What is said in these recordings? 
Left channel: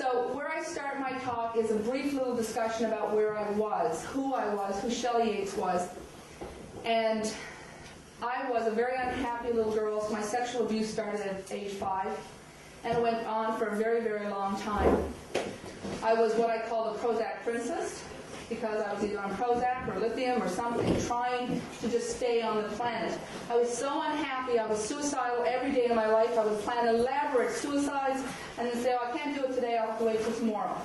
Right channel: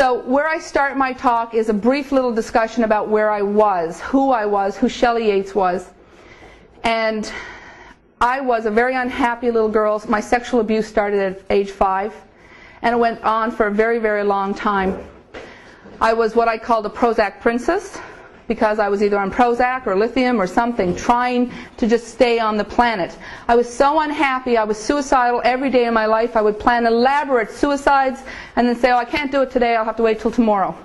So where I start my talk is a brief little discussion about where I was, who Shelley Yates was. And I was a very unhappy little girl. My sexual abuse started at age 5, and it went on for a very, very long time. I was what I called a Prozac princess, because I was either on Prozac or lithium or something, trying to just stay on the planet. I was so unhappy, I was suicidal every day of my life. I would plan elaborate suicides and then say, oh, I can't do it today, I'll have to wait till tomorrow.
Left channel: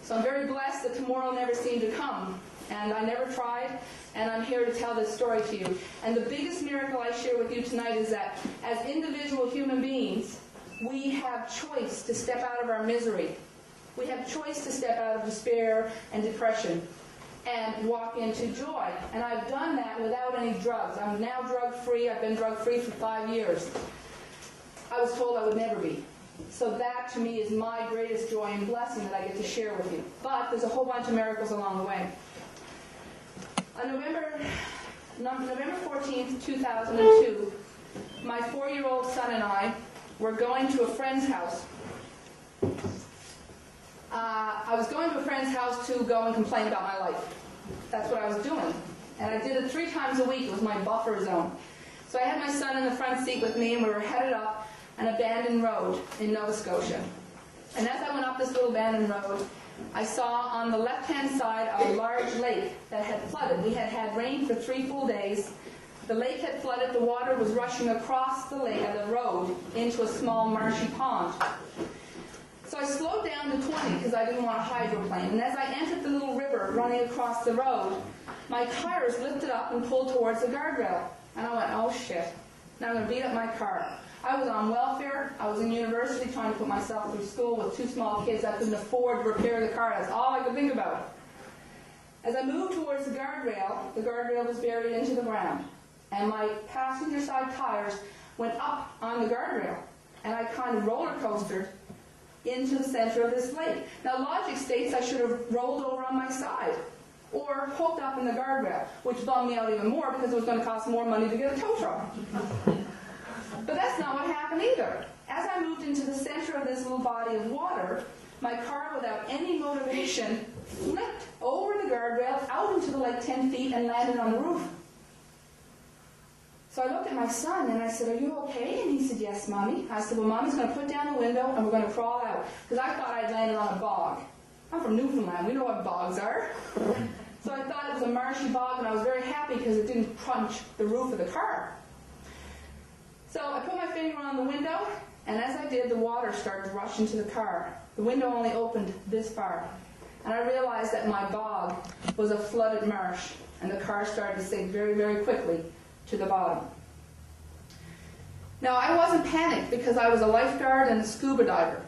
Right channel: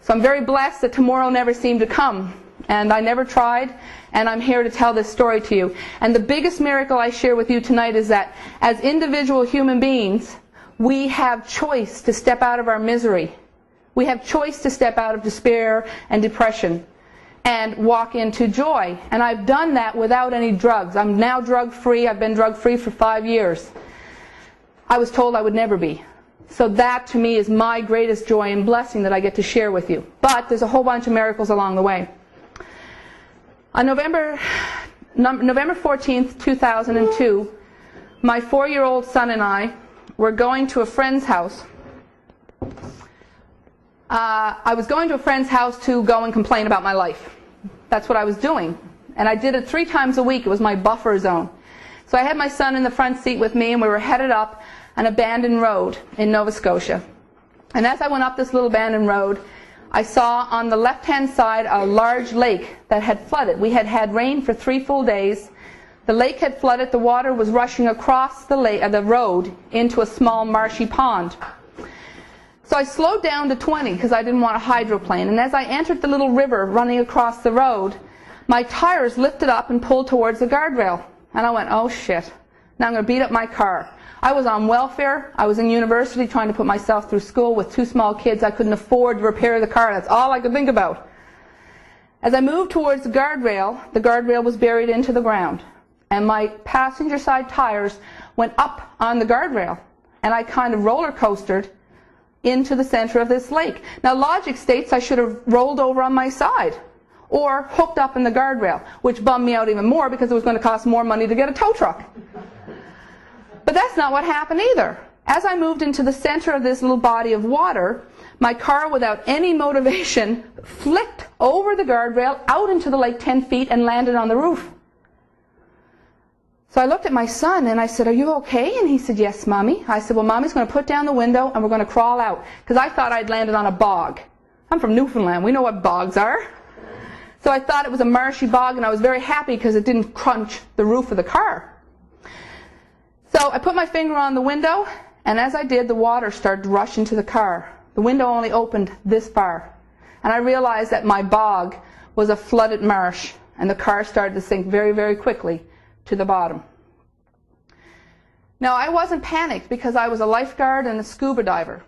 So I'm very blessed that tomorrow never seemed to come, and I never tried, and I'm here to tell this story to you. And the biggest miracle I share with you tonight is that as individual human beings, we have choice to step out of our misery. We have choice to step out of despair and depression and walk into joy. And I've done that without any drugs. I'm now drug-free. I've been drug-free for 5 years. I was told I would never be. So that, to me, is my greatest joy and blessing that I get to share with you. But there's a whole bunch of miracles along the way. On November 14th, 2002, my 4-year-old son and I were going to a friend's house. I was going to a friend's house to go and complain about my life. That's what I was doing. And I did it 3 times a week. It was my buffer zone. So I had my son in the front seat with me, and we were headed up an abandoned road in Nova Scotia. And as I went up this little abandoned road, I saw on the left-hand side a large lake that had flooded. We had had rain for 3 full days. The lake had flooded. The water was rushing across the road into a small marshy pond. So I slowed down to 20 because I didn't want a hydroplane. And as I entered the little river running across the road, my tires lifted up and pulled towards the guardrail. And I went, oh shit, now I'm going to beat up my car. I was on welfare. I was in university trying to put myself through school with 2 small kids. I couldn't afford to repair the car. That's all I could think about. As I moved towards the guardrail was buried into the ground. And my passenger side tires went up on the guardrail. And I kind of roller coastered into the center of this lake. Now logic states I should have rolled over on my side or hooked up in the guardrail, which bummed me out even more because it was going to cost more money to get a tow truck. But that's not what happened either. As I moved into the center of this little body of water, my car, without any motivation, flipped over the guardrail out into the lake 10 feet and landed on the roof. So I looked at my son and I said, are you okay? And he said, yes, Mommy. I said, well, Mommy's going to put down the window and we're going to crawl out. Because I thought I'd landed on a bog. I'm from Newfoundland. We know what bogs are. So I thought it was a marshy bog, and I was very happy because it didn't crunch the roof of the car. So I put my finger on the window, and as I did, the water started to rush into the car. The window only opened this far. And I realized that my bog was a flooded marsh, and the car started to sink very, very quickly to the bottom. Now I wasn't panicked because I was a lifeguard and a scuba diver.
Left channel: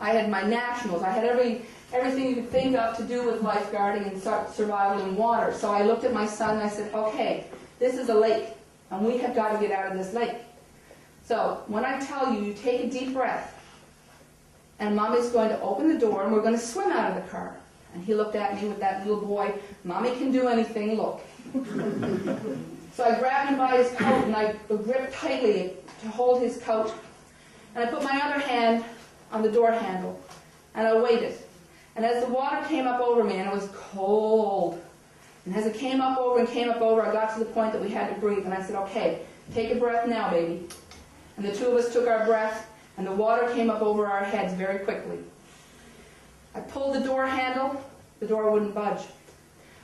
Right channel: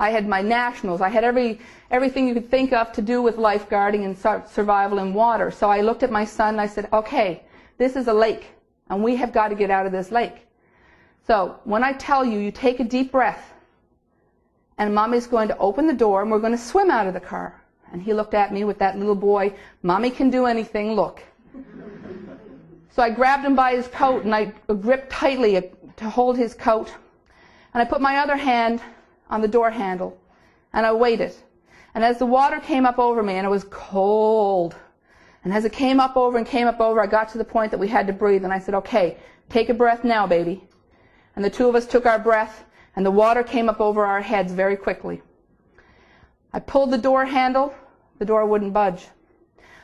I had my nationals. I had everything you could think of to do with lifeguarding and survival in water. So I looked at my son and I said, okay, this is a lake and we have got to get out of this lake. So when I tell you, you take a deep breath and Mommy's going to open the door and we're going to swim out of the car. And he looked at me with that little boy, Mommy can do anything, look. So I grabbed him by his coat and I gripped tightly to hold his coat. And I put my other hand on the door handle and I waited. And as the water came up over me, and it was cold, and as it came up over and came up over, I got to the point that we had to breathe. And I said, okay, take a breath now, baby. And the 2 of us took our breath and the water came up over our heads very quickly. I pulled the door handle, the door wouldn't budge.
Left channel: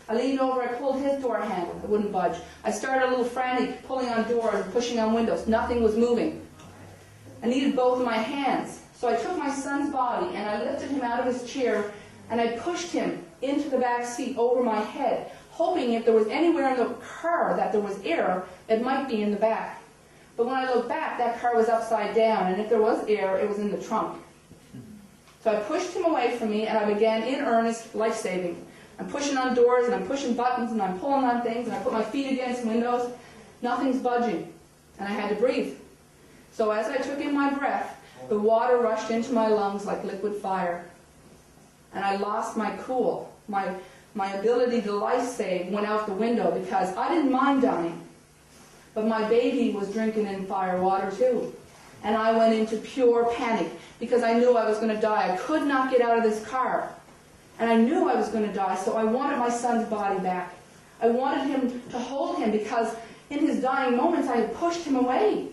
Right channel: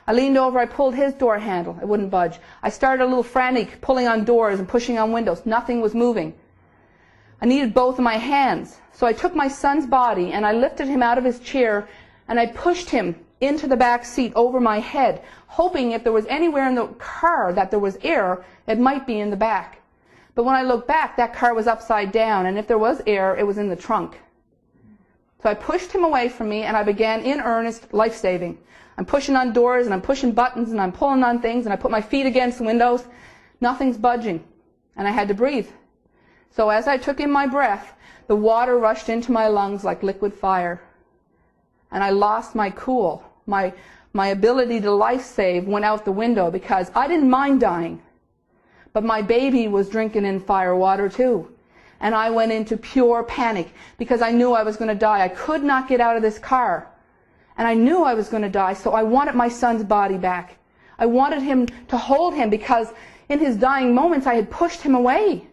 I leaned over, I pulled his door handle, it wouldn't budge. I started a little frantic, pulling on doors and pushing on windows. Nothing was moving. I needed both of my hands. So I took my son's body and I lifted him out of his chair and I pushed him into the back seat over my head, hoping if there was anywhere in the car that there was air, it might be in the back. But when I looked back, that car was upside down, and if there was air, it was in the trunk. So I pushed him away from me and I began in earnest life-saving. I'm pushing on doors and I'm pushing buttons and I'm pulling on things and I put my feet against windows. Nothing's budging. And I had to breathe. So as I took in my breath, the water rushed into my lungs like liquid fire. And I lost my cool. My ability to life save went out the window because I didn't mind dying. But my baby was drinking in fire water too. and I went into pure panic because I knew I was going to die. I could not get out of this car, and I knew I was going to die, so I wanted my son's body back. I wanted him to hold him because in his dying moments I had pushed him away.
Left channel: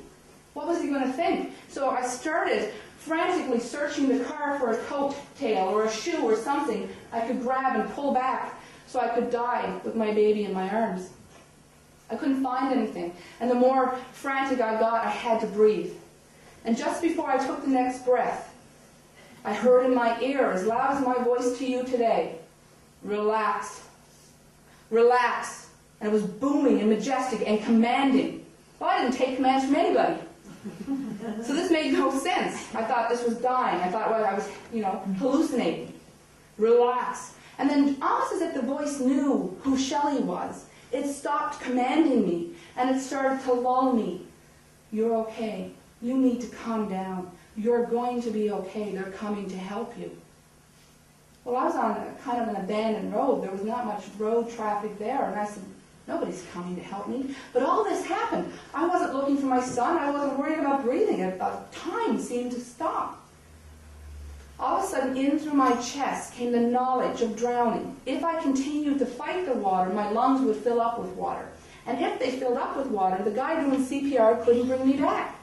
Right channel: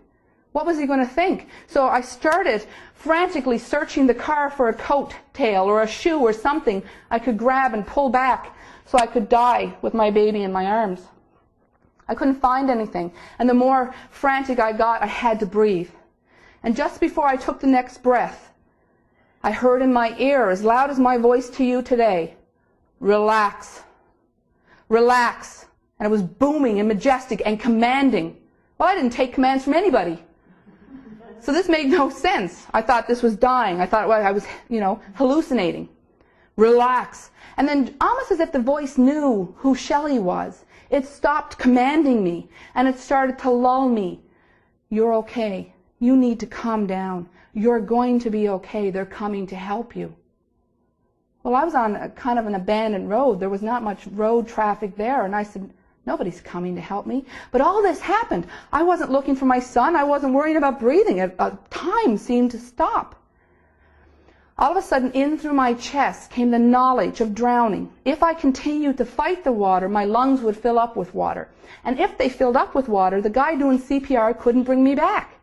What was he going to think? So I started frantically searching the car for a coat tail or a shoe or something I could grab and pull back so I could die with my baby in my arms. I couldn't find anything, and the more frantic I got, I had to breathe. And just before I took the next breath, I heard in my ear, as loud as my voice to you today, relax, relax. And it was booming and majestic and commanding. Well, I didn't take commands from anybody. So this made no sense. I thought this was dying. I thought well, I was, hallucinating. Relax. And then almost as if the voice knew who Shelley was, it stopped commanding me and it started to lull me. You're okay. You need to calm down. You're going to be okay. They're coming to help you. Well, I was on a kind of an abandoned road. There was not much road traffic there. And I said, nobody's coming to help me. But all this happened. I wasn't looking for my son. I wasn't worrying about breathing. Time seemed to stop. All of a sudden, in through my chest came the knowledge of drowning. If I continued to fight the water, my lungs would fill up with water. And if they filled up with water, the guy doing CPR couldn't bring me back.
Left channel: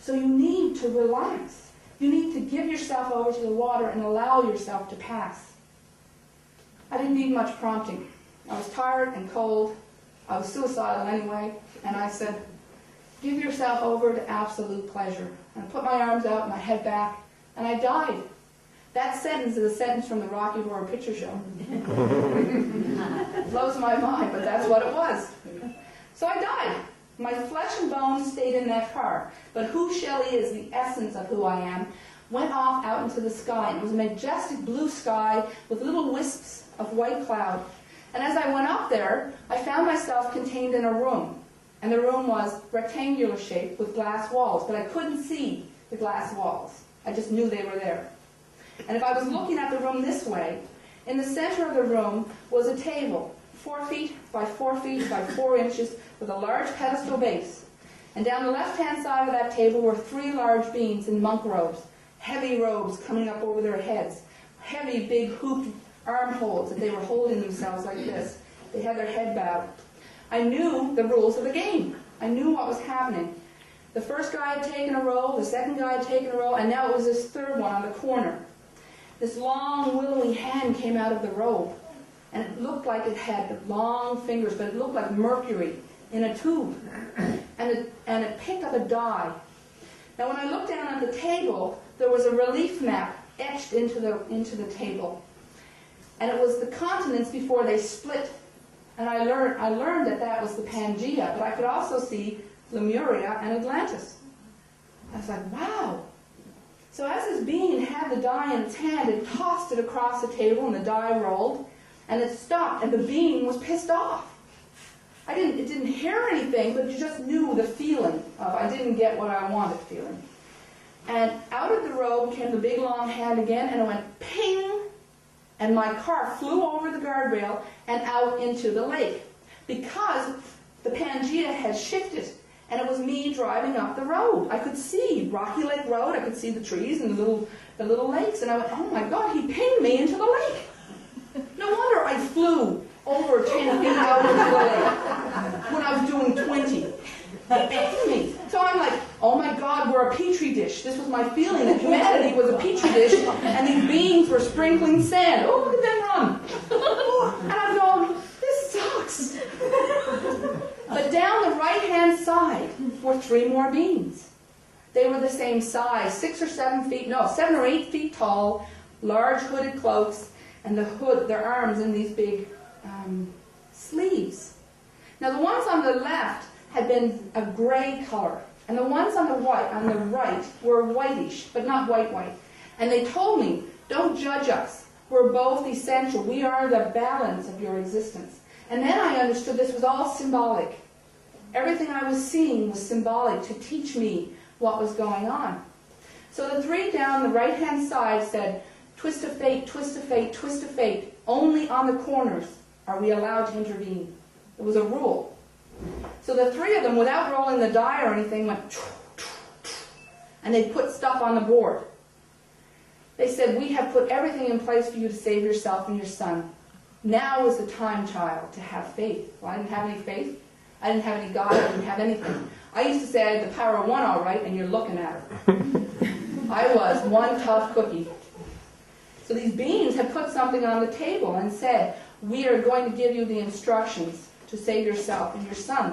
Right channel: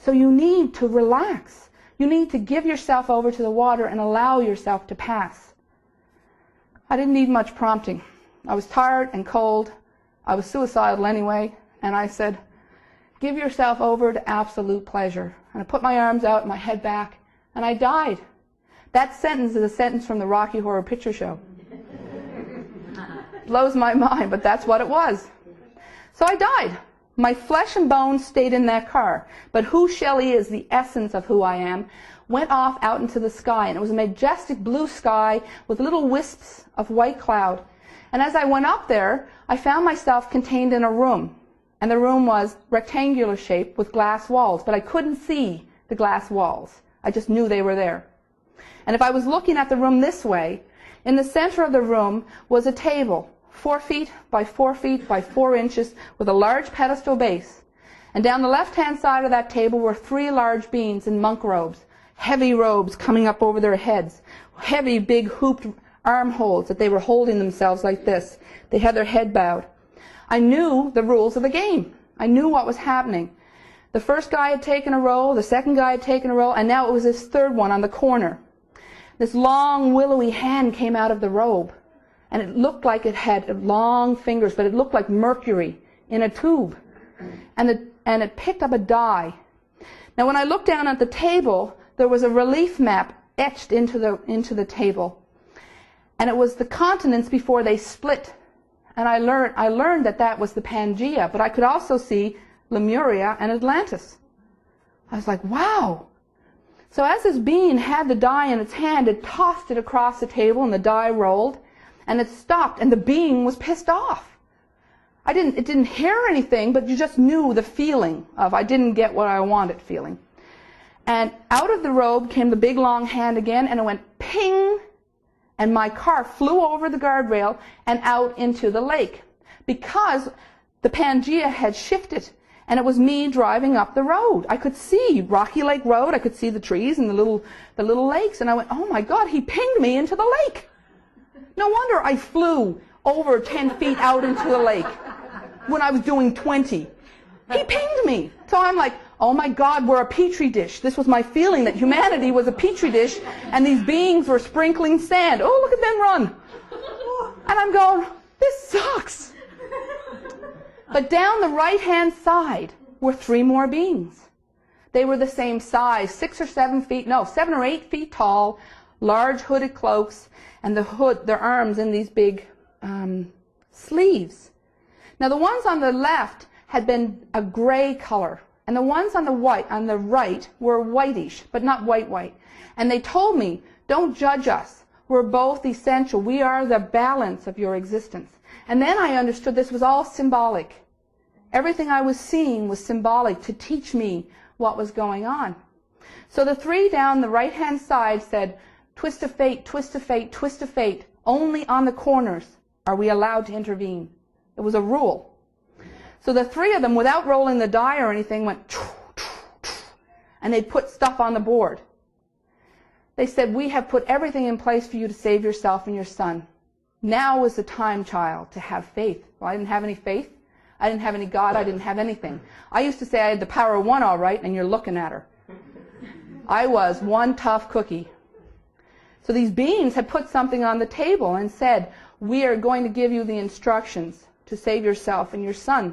So you need to relax. You need to give yourself over to the water and allow yourself to pass. I didn't need much prompting. I was tired and cold. I was suicidal anyway. And I said, give yourself over to absolute pleasure. And I put my arms out and my head back, and I died. That sentence is a sentence from the Rocky Horror Picture Show. Blows my mind, but that's what it was. So I died. My flesh and bones stayed in that car. But who Shelley is, the essence of who I am, went off out into the sky. And it was a majestic blue sky with little wisps of white cloud. And as I went up there, I found myself contained in a room. And the room was rectangular shaped with glass walls. But I couldn't see the glass walls. I just knew they were there. And if I was looking at the room this way, in the center of the room was a table, 4 feet by 4 feet by 4 inches, with a large pedestal base. And down the left-hand side of that table were 3 large beings in monk robes, heavy robes coming up over their heads, heavy, big, hooped armholes that they were holding themselves like this. They had their head bowed. I knew the rules of the game. I knew what was happening. The first guy had taken a roll, the second guy had taken a roll, and now it was this third one on the corner. This long, willowy hand came out of the robe, and it looked like it had long fingers, but it looked like mercury in a tube. And it picked up a die. Now, when I looked down at the table, there was a relief map etched into the table, and it was the continents before they split. And I learned that that was the Pangaea, but I could also see Lemuria and Atlantis. I was like, wow. So as this being had the die in its hand, it tossed it across the table, and the die rolled, and it stopped, and the being was pissed off. It didn't hear anything, but you just knew the feeling of, I didn't get what I wanted feeling. And out of the robe came the big long hand again, and it went ping, and my car flew over the guardrail and out into the lake, because the Pangaea had shifted. And it was me driving up the road. I could see Rocky Lake Road. I could see the trees and the little lakes. And I went, oh my God, he pinged me into the lake. No wonder I flew over 10 feet out into the lake when I was doing 20. He pinged me. So I'm like, oh my God, we're a petri dish. This was my feeling, that humanity was a petri dish, and these beings were sprinkling sand. Oh, look at them run. And I'm going, this sucks. But down the right-hand side were 3 more beings. They were the same size, 6 or 7 feet, no, 7 or 8 feet tall, large hooded cloaks, and their arms in these big sleeves. Now the ones on the left had been a gray color, and the ones on the right were whitish, but not white. And they told me, don't judge us. We're both essential. We are the balance of your existence. And then I understood this was all symbolic. Everything I was seeing was symbolic to teach me what was going on. So the 3 down the right-hand side said, twist of fate, twist of fate, twist of fate. Only on the corners are we allowed to intervene. It was a rule. So the 3 of them, without rolling the die or anything, went, and they put stuff on the board. They said, we have put everything in place for you to save yourself and your son. Now is the time, child, to have faith. Well, I didn't have any faith. I didn't have any God. I didn't have anything. I used to say I had the power of one all right, and you're looking at her. I was one tough cookie. So these beings had put something on the table and said, we are going to give you the instructions to save yourself and your son.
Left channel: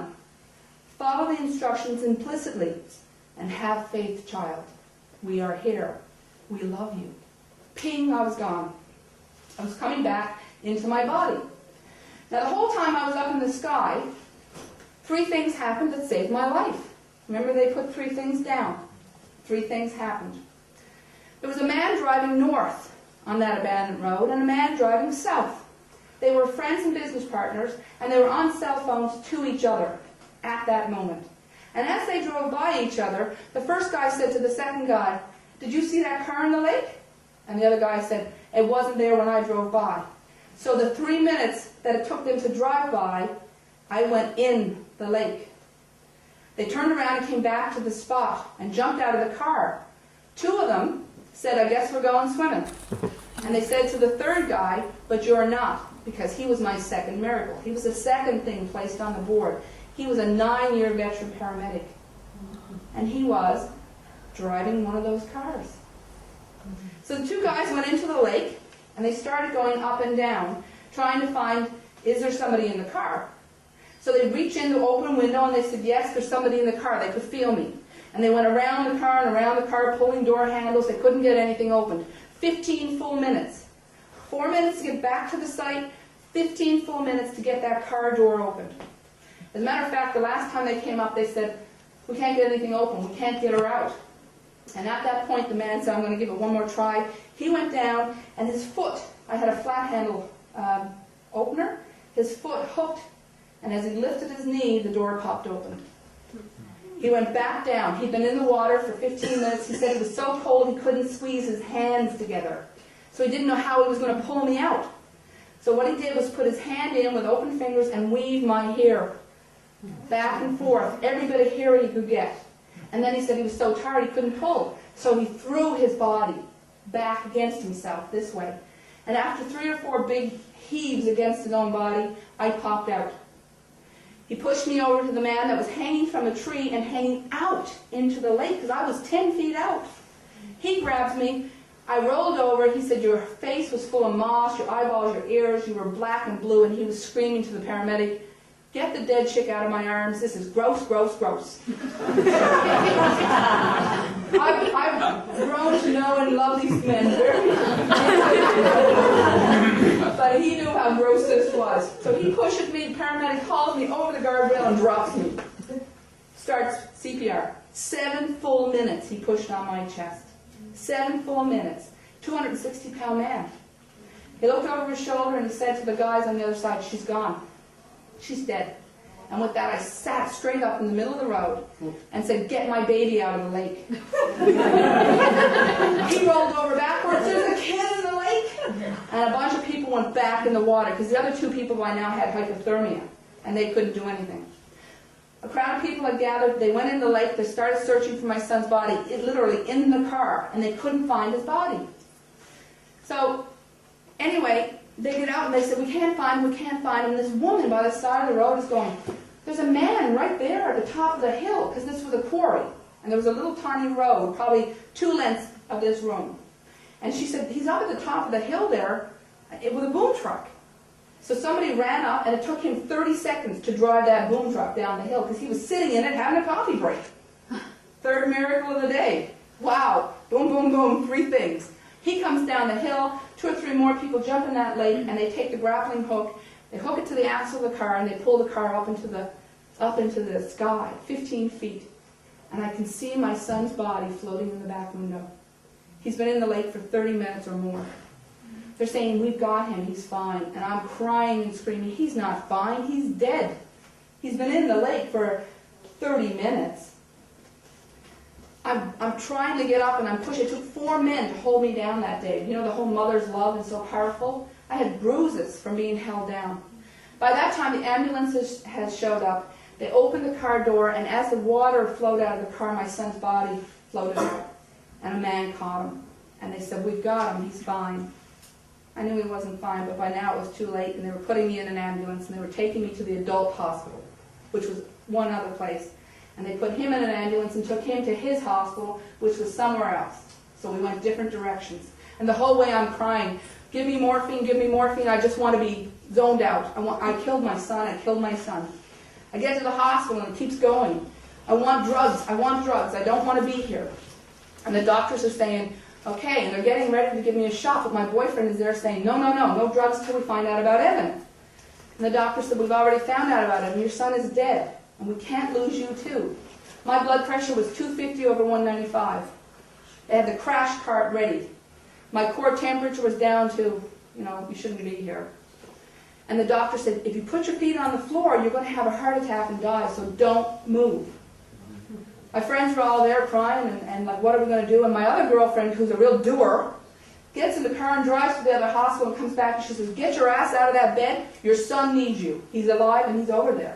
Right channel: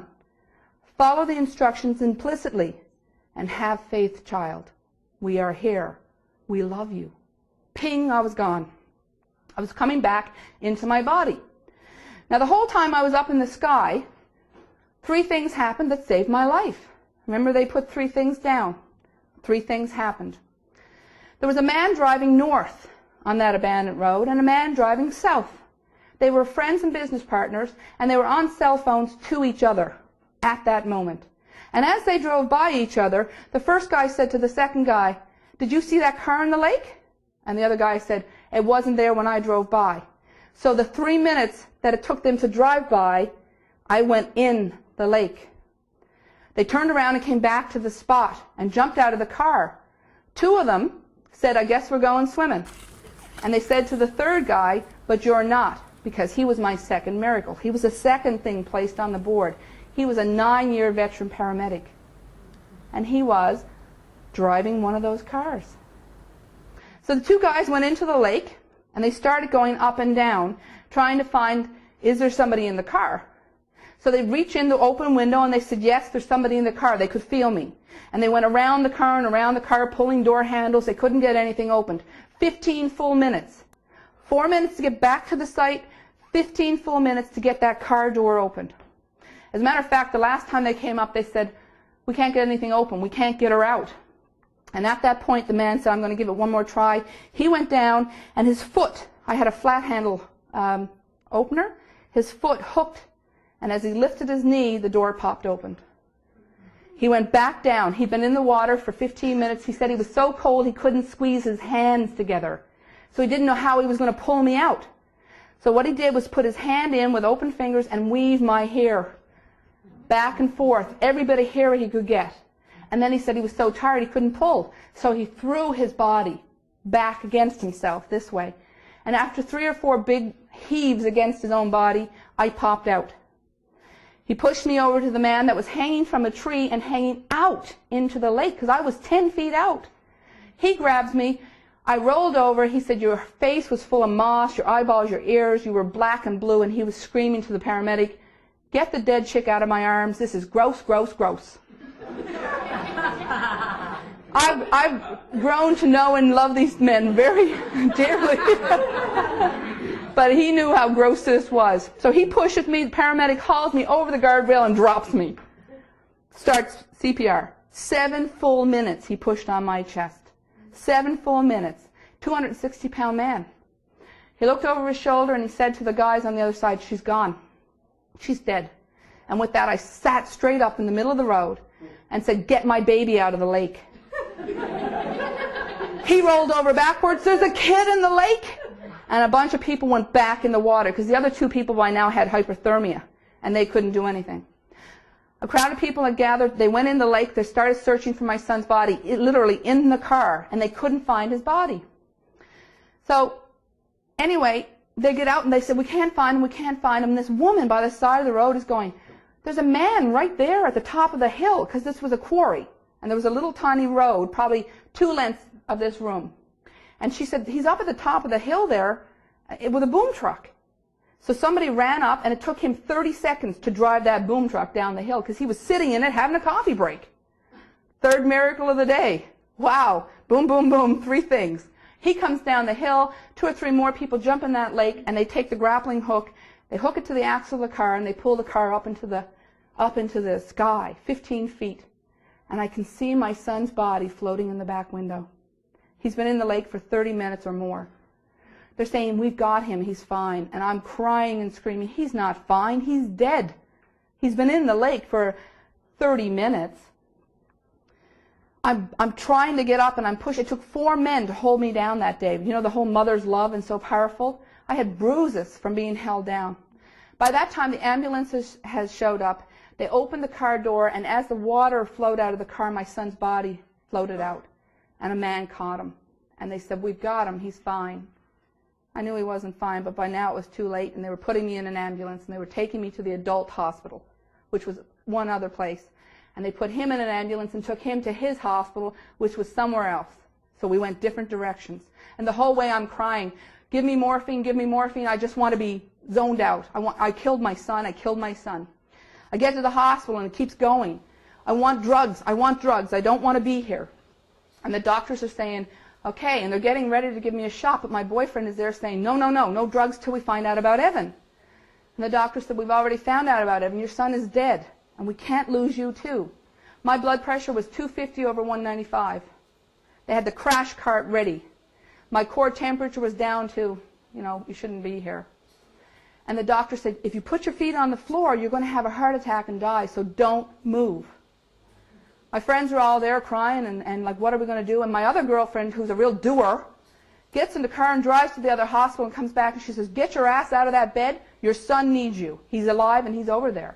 Follow the instructions implicitly and have faith, child. We are here. We love you. Ping, I was gone. I was coming back into my body. Now the whole time I was up in the sky, 3 things happened that saved my life. Remember, they put 3 things down. 3 things happened. There was a man driving north on that abandoned road and a man driving south. They were friends and business partners, and they were on cell phones to each other at that moment. And as they drove by each other, the first guy said to the second guy, did you see that car in the lake? And the other guy said, it wasn't there when I drove by. So the 3 minutes that it took them to drive by, I went in the lake. They turned around and came back to the spot and jumped out of the car. 2 of them said, I guess we're going swimming. And they said to the third guy, but you're not, because he was my second miracle. He was the second thing placed on the board. He was a 9-year veteran paramedic. And he was driving one of those cars. So the 2 guys went into the lake, and they started going up and down, trying to find, is there somebody in the car? So they reached in the open window, and they said, yes, there's somebody in the car. They could feel me. And they went around the car and around the car, pulling door handles. They couldn't get anything opened. 15 full minutes. 4 minutes to get back to the site, 15 full minutes to get that car door opened. As a matter of fact, the last time they came up, they said, we can't get anything open. We can't get her out. And at that point, the man said, I'm going to give it one more try. He went down, and his foot, I had a flat handle opener, his foot hooked, and as he lifted his knee, the door popped open. He went back down. He'd been in the water for 15 minutes. He said he was so cold he couldn't squeeze his hands together. So he didn't know how he was going to pull me out. So what he did was put his hand in with open fingers and weave my hair back and forth, every bit of hair he could get. And then he said he was so tired he couldn't pull. So he threw his body back against himself this way. And after 3 or 4 big heaves against his own body, I popped out. He pushed me over to the man that was hanging from a tree and hanging out into the lake because I was 10 feet out. He grabs me. I rolled over. He said, your face was full of moss, your eyeballs, your ears, you were black and blue. And he was screaming to the paramedic, get the dead chick out of my arms. This is gross, gross, gross. I've grown to know and love these men very dearly. But he knew how gross this was. So he pushes me, the paramedic hauls me over the guardrail and drops me. Starts CPR. 7 full minutes he pushed on my chest. 7 full minutes. 260-pound man. He looked over his shoulder and he said to the guys on the other side, she's gone. She's dead. And with that, I sat straight up in the middle of the road and said, get my baby out of the lake. He rolled over backwards. There's a kid in the lake. And a bunch of people went back in the water because the other 2 people by now had hypothermia and they couldn't do anything. A crowd of people had gathered. They went in the lake. They started searching for my son's body, literally in the car, and they couldn't find his body. So anyway, they get out and they said, we can't find him, we can't find him. And this woman by the side of the road is going, there's a man right there at the top of the hill, because this was a quarry. And there was a little tiny road, probably 2 lengths of this room. And she said, he's up at the top of the hill there with a boom truck. So somebody ran up, and it took him 30 seconds to drive that boom truck down the hill, because he was sitting in it having a coffee break. 3rd miracle of the day. Wow. Boom, boom, boom. 3 things. He comes down the hill. 2 or 3 more people jump in that lake, and they take the grappling hook, they hook it to the axle of the car, and they pull the car up into the sky, 15 feet. And I can see my son's body floating in the back window. He's been in the lake for 30 minutes or more. They're saying, we've got him, he's fine. And I'm crying and screaming, he's not fine, he's dead. He's been in the lake for 30 minutes. I'm trying to get up and I'm pushing. It took 4 men to hold me down that day. You know, the whole mother's love and so powerful. I had bruises from being held down. By that time, the ambulance had showed up. They opened the car door, and as the water flowed out of the car, my son's body floated out, and a man caught him. And they said, we've got him, he's fine. I knew he wasn't fine, but by now it was too late, and they were putting me in an ambulance, and they were taking me to the adult hospital, which was one other place. And they put him in an ambulance and took him to his hospital, which was somewhere else. So we went different directions. And the whole way I'm crying, give me morphine, I just want to be zoned out. I killed my son, I killed my son. I get to the hospital and it keeps going. I want drugs, I don't want to be here. And the doctors are saying, okay, and they're getting ready to give me a shot, but my boyfriend is there saying, no drugs till we find out about Evan. And the doctor said, we've already found out about Evan, your son is dead, and we can't lose you too. My blood pressure was 250/195. They had the crash cart ready. My core temperature was down to, you shouldn't be here. And the doctor said, if you put your feet on the floor, you're going to have a heart attack and die, so don't move. My friends were all there crying and like, what are we going to do? And my other girlfriend, who's a real doer, gets in the car and drives to the other hospital and comes back and she says, get your ass out of that bed. Your son needs you. He's alive and he's over there.